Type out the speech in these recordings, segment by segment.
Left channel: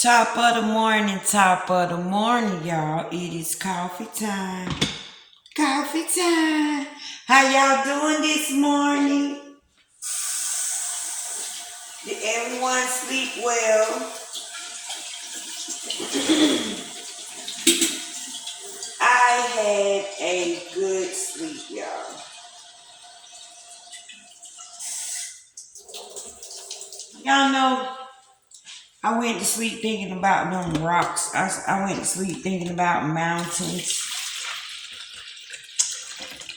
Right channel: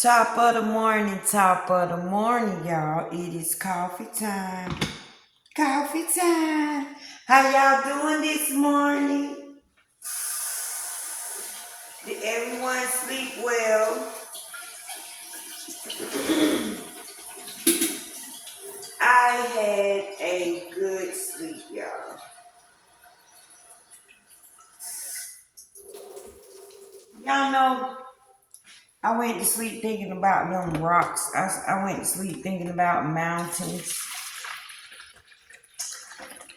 Top of the morning, y'all. It is coffee time. Coffee time. How y'all doing this morning? Did everyone sleep well? I had a good sleep, y'all. Y'all know I went to sleep thinking about them rocks. I went to sleep thinking about mountains.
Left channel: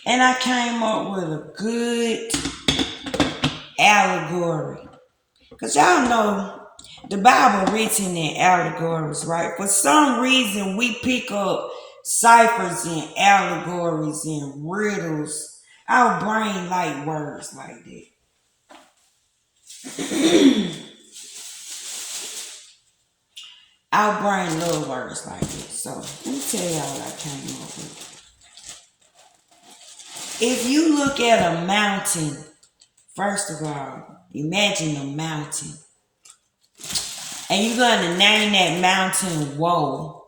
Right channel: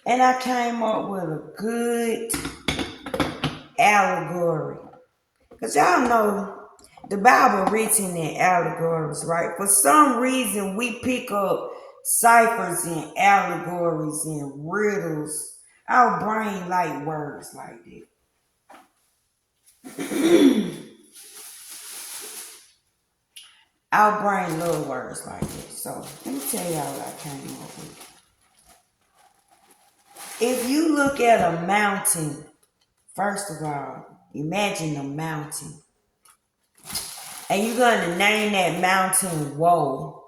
And I came up with a good allegory. Because y'all know the Bible written in allegories, right? For some reason, we pick up ciphers and allegories and riddles. Our brain like words like that. Our brain love words like that. So let me tell y'all what I came up with. If you look at a mountain, first of all, imagine a mountain. And you're going to name that mountain Woe.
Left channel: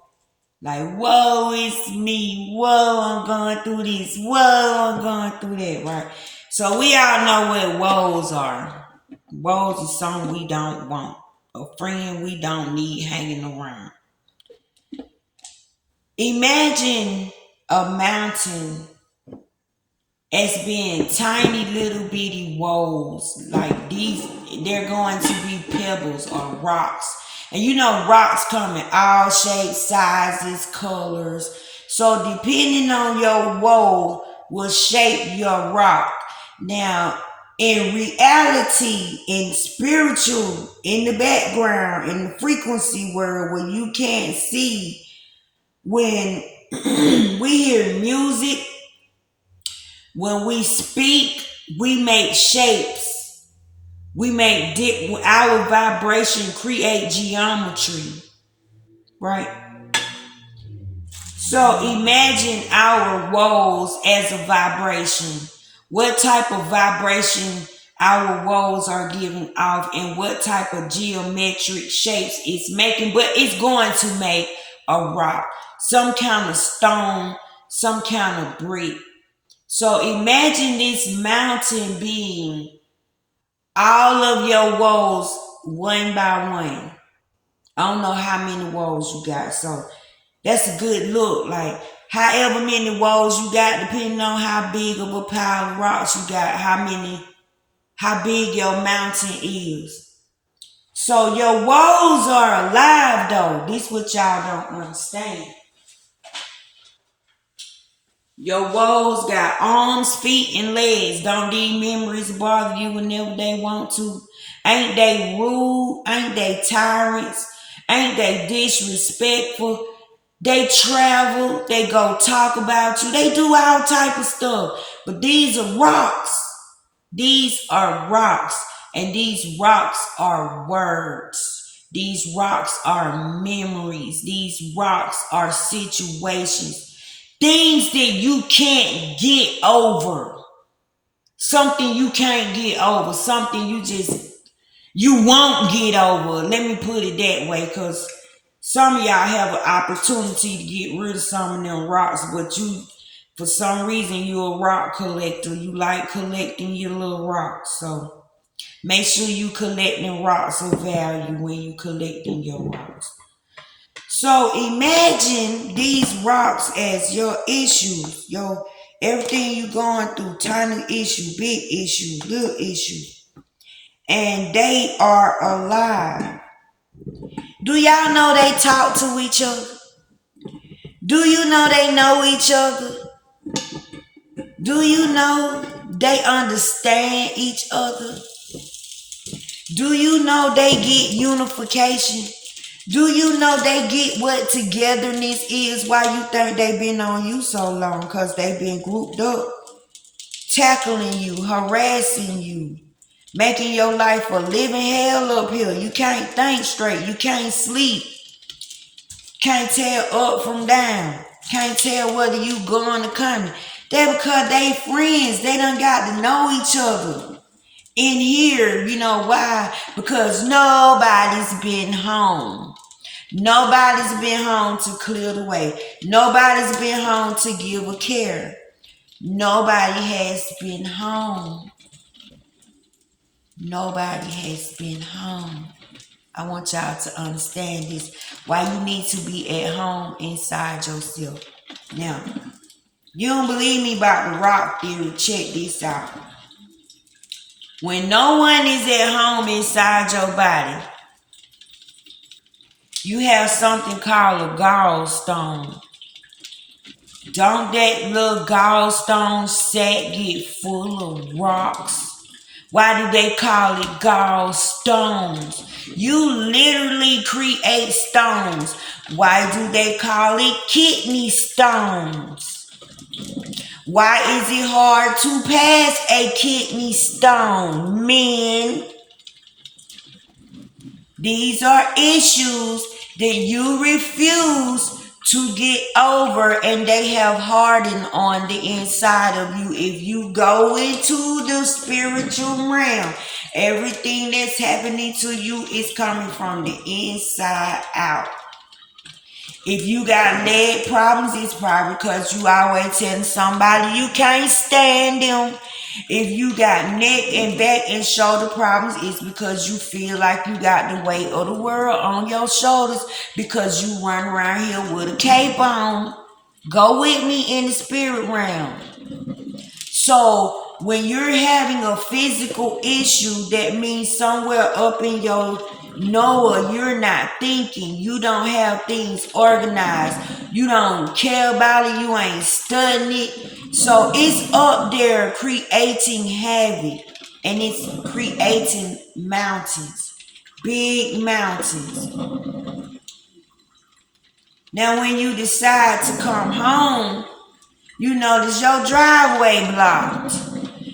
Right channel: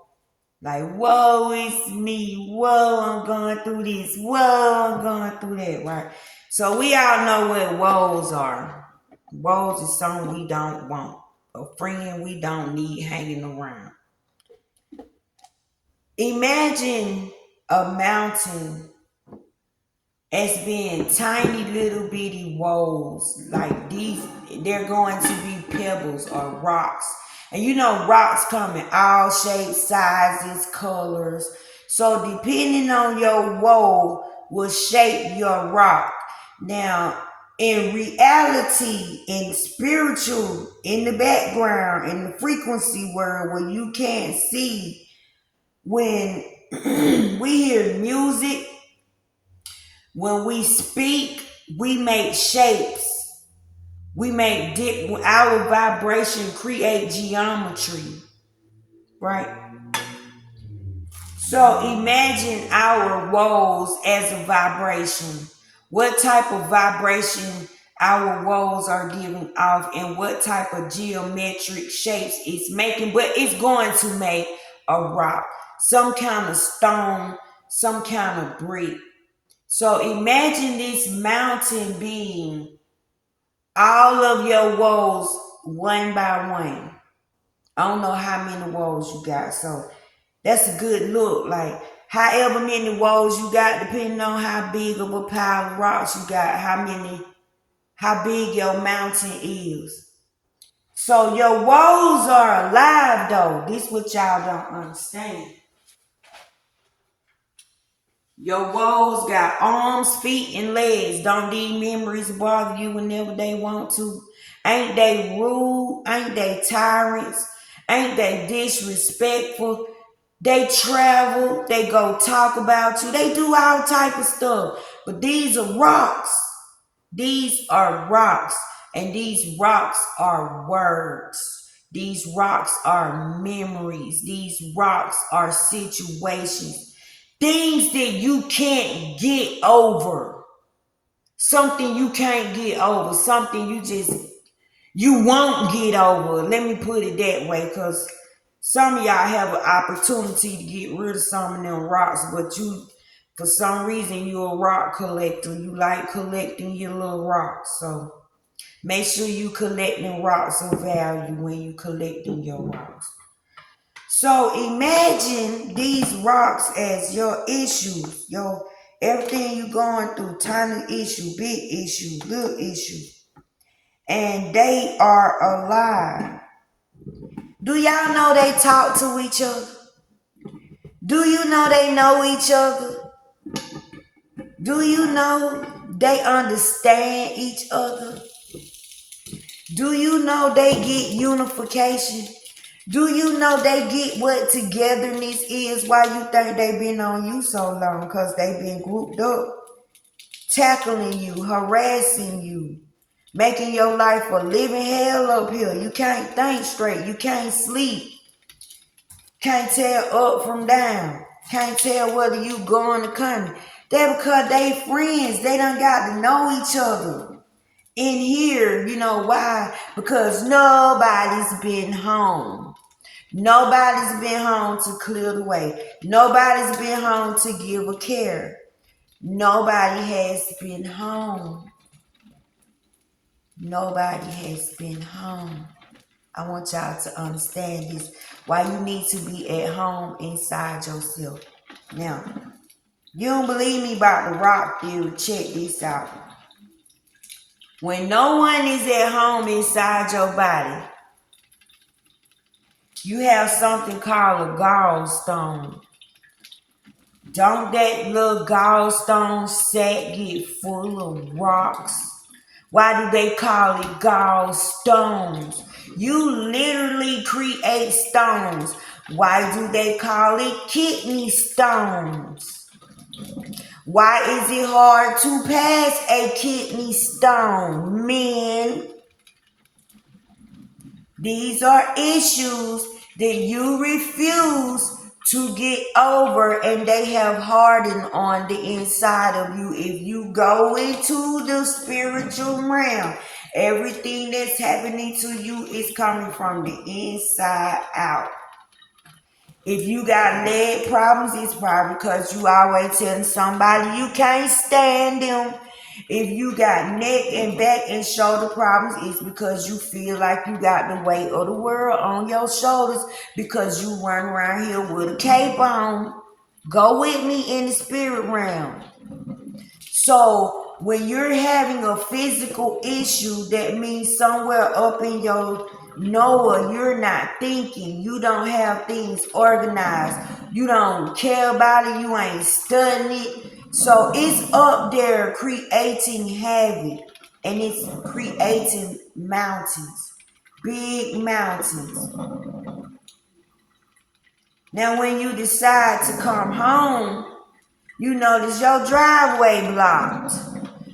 Like, woe, it's me. Whoa, I'm going through this. Whoa, I'm going through that, right? So we all know what woes are. Woes is something we don't want. A friend we don't need hanging around. Imagine a mountain as being tiny little bitty woes. Like these, they're going to be pebbles or rocks. And you know rocks come in all shapes, sizes, colors. So depending on your woe will shape your rock. Now, in reality, in spiritual, in the background, in the frequency world where you can't see, when we hear music, when we speak, we make shapes. We make our vibration create geometry, right? So imagine our woes as a vibration. What type of vibration our woes are giving off and what type of geometric shapes it's making, but it's going to make a rock, some kind of stone, some kind of brick. So imagine this mountain being all of your woes one by one. I don't know how many woes you got. So that's a good look. Like however many woes you got, depending on how big of a pile of rocks you got, how big your mountain is. So your woes are alive though. This what y'all don't understand. Your woes got arms, feet, and legs. Don't these memories bother you whenever they want to? Ain't they rude? Ain't they tyrants? Ain't they disrespectful? They travel. They go talk about you. They do all type of stuff. But these are rocks. These are rocks. And these rocks are words. These rocks are memories. These rocks are situations. Things that you can't get over. Something you can't get over. Something you won't get over. Let me put it that way, because some of y'all have an opportunity to get rid of some of them rocks, but for some reason, you're a rock collector. You like collecting your little rocks. So make sure you collecting rocks of value when you collecting your rocks. So imagine these rocks as your issues, your everything you going through, tiny issue, big issue, little issue. And they are alive. Do y'all know they talk to each other? Do you know they know each other? Do you know they understand each other? Do you know they get unification? Do you know they get what togetherness is? Why you think they been on you so long? Because they been grouped up, tackling you, harassing you, making your life a living hell up here. You can't think straight. You can't sleep. Can't tell up from down. Can't tell whether you going or coming. That because they friends. They done got to know each other. In here, you know why? Because nobody's been home. Nobody's been home to clear the way. Nobody's been home to give a care. Nobody has been home. Nobody has been home. I want y'all to understand this. Why you need to be at home inside yourself. Now, you don't believe me about the rock theory? Check this out. When no one is at home inside your body, you have something called a gallstone. Don't that little gallstone sack get full of rocks? Why do they call it gallstones? You literally create stones. Why do they call it kidney stones? Why is it hard to pass a kidney stone? Men, these are issues that you refuse to get over, and they have hardened on the inside of you. If you go into the spiritual realm, everything that's happening to you is coming from the inside out. If you got leg problems, it's probably because you always telling somebody you can't stand them. If you got neck and back and shoulder problems, it's because you feel like you got the weight of the world on your shoulders because you run around here with a cape on. Go with me in the spirit realm. So when you're having a physical issue, that means somewhere up in your Noah, you're not thinking. You don't have things organized. You don't care about it. You ain't studying it. So it's up there creating havoc. And it's creating mountains. Big mountains. Now when you decide to come home, you notice your driveway blocked.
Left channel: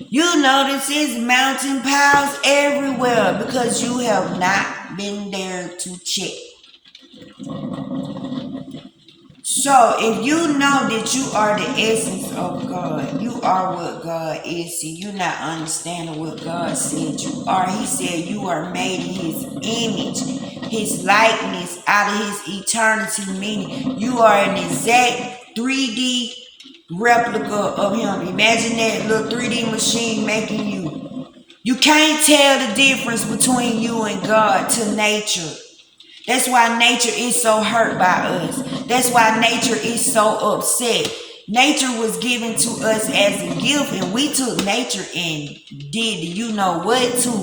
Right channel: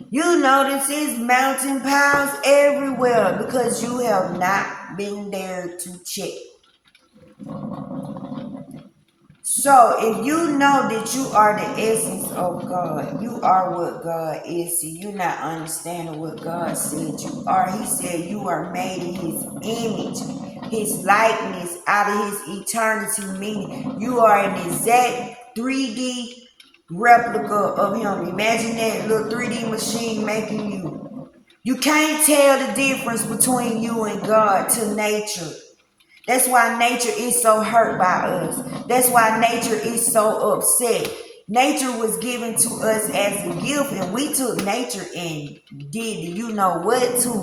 You notice it's mountain piles everywhere because you have not been there to check. So if you know that you are the essence of God, you are what God is. See, you're not understanding what God said you are. He said you are made in His image, His likeness, out of His eternity, meaning you are an exact 3D replica of Him. Imagine that little 3D machine making you. You can't tell the difference between you and God to nature. That's why nature is so hurt by us. That's why nature is so upset. Nature was given to us as a gift, and we took nature and did you know what to.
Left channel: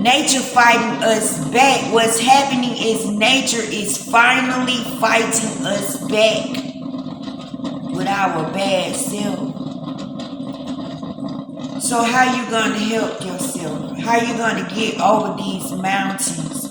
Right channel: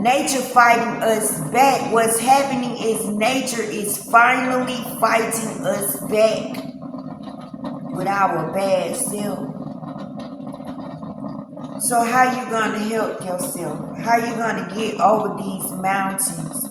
Nature fighting us back. What's happening is nature is finally fighting us back with our bad self. So how you gonna help yourself? How you gonna get over these mountains?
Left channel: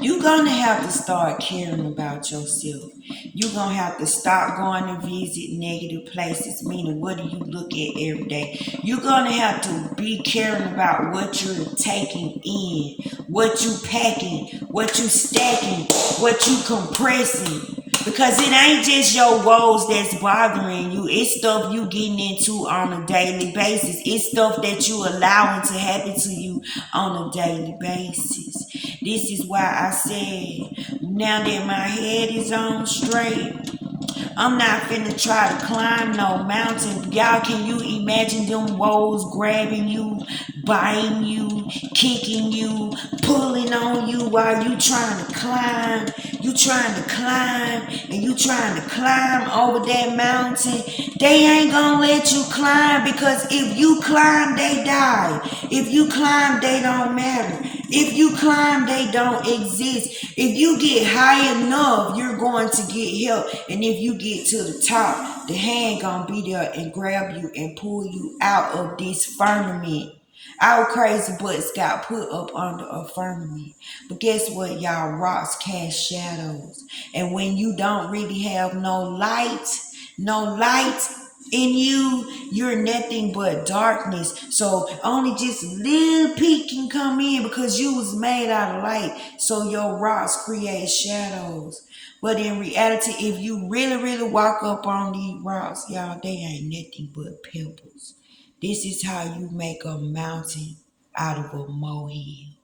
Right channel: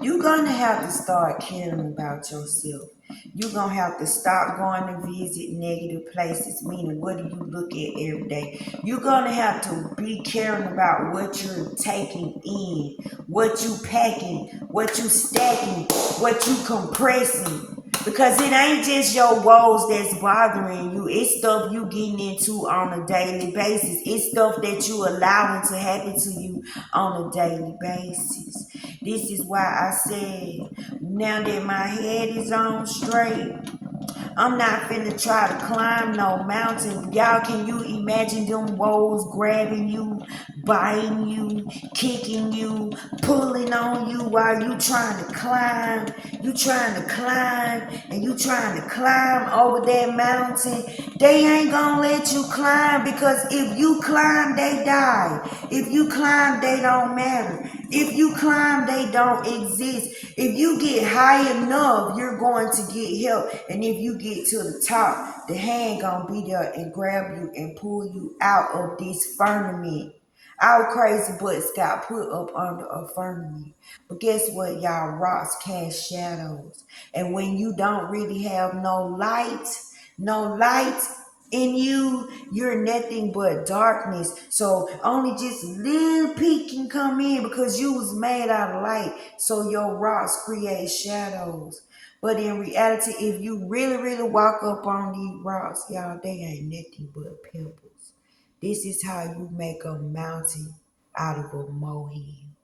You're gonna have to start caring about yourself. You're gonna have to stop going to visit negative places, meaning what do you look at every day? You're gonna have to be caring about what you're taking in, what you packing, what you stacking, what you compressing. Because it ain't just your woes that's bothering you. It's stuff you getting into on a daily basis. It's stuff that you allowing to happen to you on a daily basis. This is why I said, now that my head is on straight, I'm not finna try to climb no mountain. Y'all, can you imagine them woes grabbing you, biting you, kicking you, pulling on you while you trying to climb? You trying to climb and you trying to climb over that mountain. They ain't gonna let you climb because if you climb, they die. If you climb, they don't matter. If you climb, they don't exist. If you get high enough, you're going to get help. And if you get to the top, the hand gonna be there and grab you and pull you out of this firmament. Our crazy butts got put up under a firmament. But guess what, y'all? Rocks cast shadows. And when you don't really have no light in you, you're nothing but darkness. So only just a little peak can come in because you was made out of light. So your rocks create shadows. But in reality, if you really, really walk up on these rocks, y'all, they ain't nothing but pebbles. This is how you make a mountain out of a molehill.